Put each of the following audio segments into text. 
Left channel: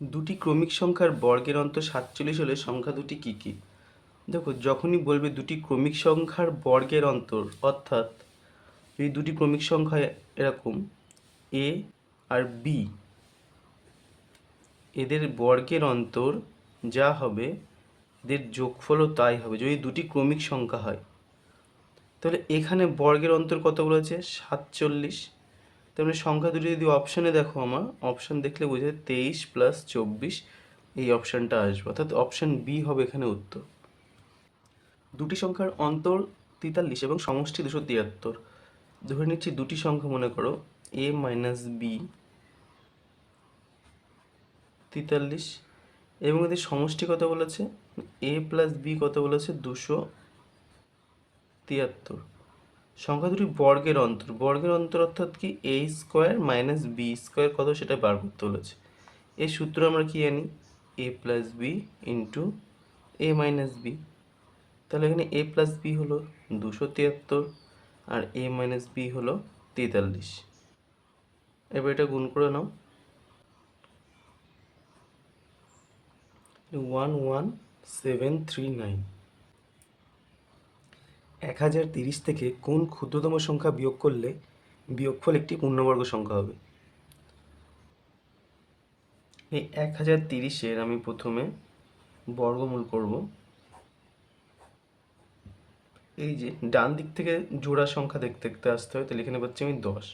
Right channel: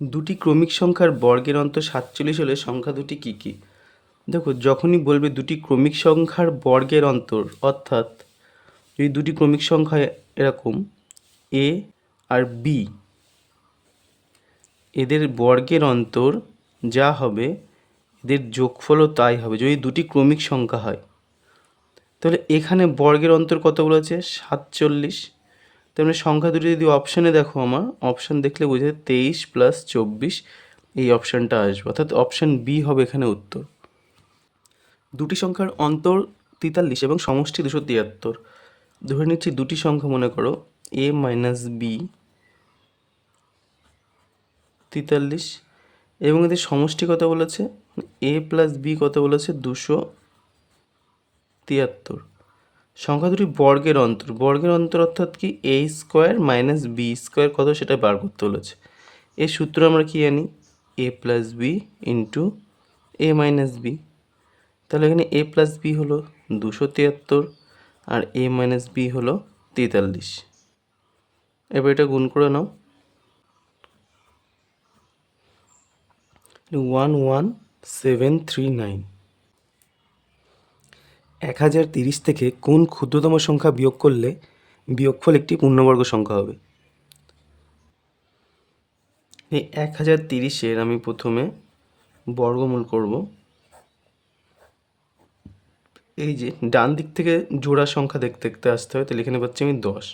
দুটি ক্রমিক সংখ্যার বর্গের অন্তর সাতচল্লিশ হলে সংখ্যা দুটি কী কী? দেখো, যখনই বলবে দুটি ক্রমিক সংখ্যার বর্গের অন্তর, অর্থাৎ যদি দুটি ক্রমিক সংখ্যা এরকম, এ আর বি, এদের বর্গের অন্তর যা হবে, এদের যোগফলও তাই হবে। যদি দুটি ক্রমিক সংখ্যা হয়, তাহলে এখানে বর্গের অন্তর কত বলেছে সাতচল্লিশ। তেমনি সংখ্যা দুটি যদি অপশানে দেখো আমার অপশান দেখলে বোঝা যায় তেইশ প্লাস চব্বিশ, এই অপশানটা আসবে। অর্থাৎ অপশান বি হবে এখানে উত্তর। দুটি সংখ্যার অন্তর তেতাল্লিশ এবং সমষ্টি দুশো তিয়াত্তর। ধরে নিচ্ছি দুটি সংখ্যা মনে করো এ মাইনাস বি তেতাল্লিশ এবং এদের সমষ্টি কত বলেছে? এ প্লাস বি কত বলেছে? দুশো তিয়াত্তর। সংখ্যা দুটি বর্গের অন্তর। বর্গের অন্তর অর্থাৎ কি? A square minus B square কত? সেটা বার করতে বলেছে। এর সূত্র আমরা কি জানি? A plus B into A minus B তাহলে এখানে এ প্লাস বি হলো দুশো তিয়াত্তর আর এ মাইনাস বি হলো তেতাল্লিশ। এবার এটা গুণ করে নাও। One one seven three nine এক হাজার তিরিশ থেকে কোন ক্ষুদ্রতম সংখ্যা বিয়োগ করলে বিয়োগফল একটি পূর্ণবর্গ সংখ্যা হবে? এই এক হাজার তিরিশের আমি প্রথমে বর্গমূল করব। এই যে ডান দিক থেকে জোড়া সংখ্যা দেখতে দেখতে আসতে হয় তাহলে এখানে পাচ্ছি আমি দশ।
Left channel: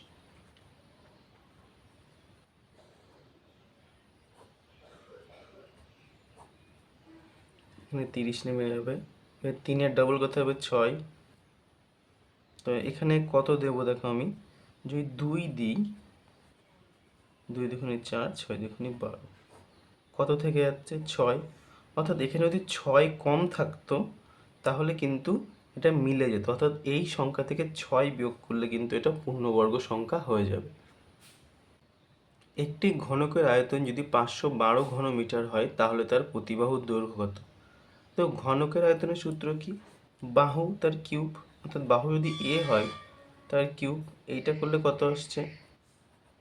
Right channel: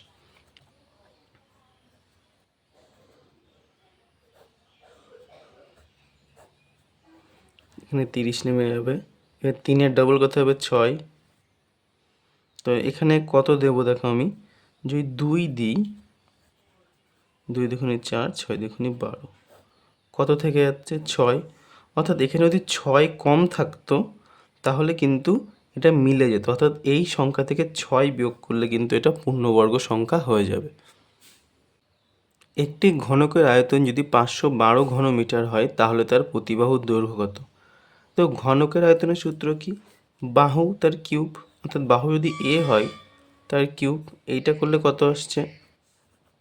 এখানে তিরিশ নেমে যাবে। এবার তিনের ডাবল কত হবে ছয়। তো এখানে কত দেবো দেখো আমি? যদি দুই দিই, দুই দেখুনি চার, ছয় দেখুনি বারো। কত থেকে যাচ্ছে? ছয়। অর্থাৎ এখানে যদি ছয় কম থাকতো, তাহলে কিন্তু এটা মিলে যেত। অর্থাৎ এই সংখ্যা থেকে ছয় বিয়োগ করলে কিন্তু এটা পূর্ণবর্গ সংখ্যা হয়ে যাবে। একটি ঘনকের আয়তন যদি পাঁচশো বারো ঘনমিটার হয়, তাহলে তার প্রতিবাহুর দৈর্ঘ্য কত? তো ঘনকের আয়তনের সূত্র কি? বাহু তার কিউব। অর্থাৎ বাহু যদি এ হয়, তার কিউব এইটা করলে কত আসছে?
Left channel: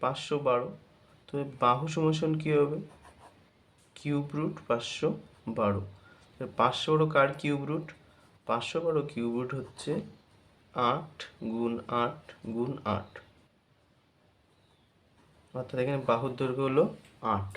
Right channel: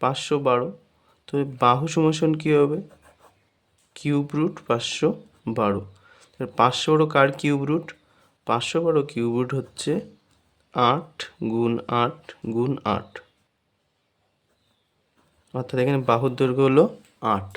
পাঁচশো বারো। তো বাহু সমাসন কী হবে? কিউব রুট পাঁচশো বারো। পাঁচশো বারো কার কিউব রুট? পাঁচশো বারো কিউব রুট হচ্ছে আট গুণ আট গুণ আট। অর্থাৎ এখানে বাহুর দৈর্ঘ্য হলো আট।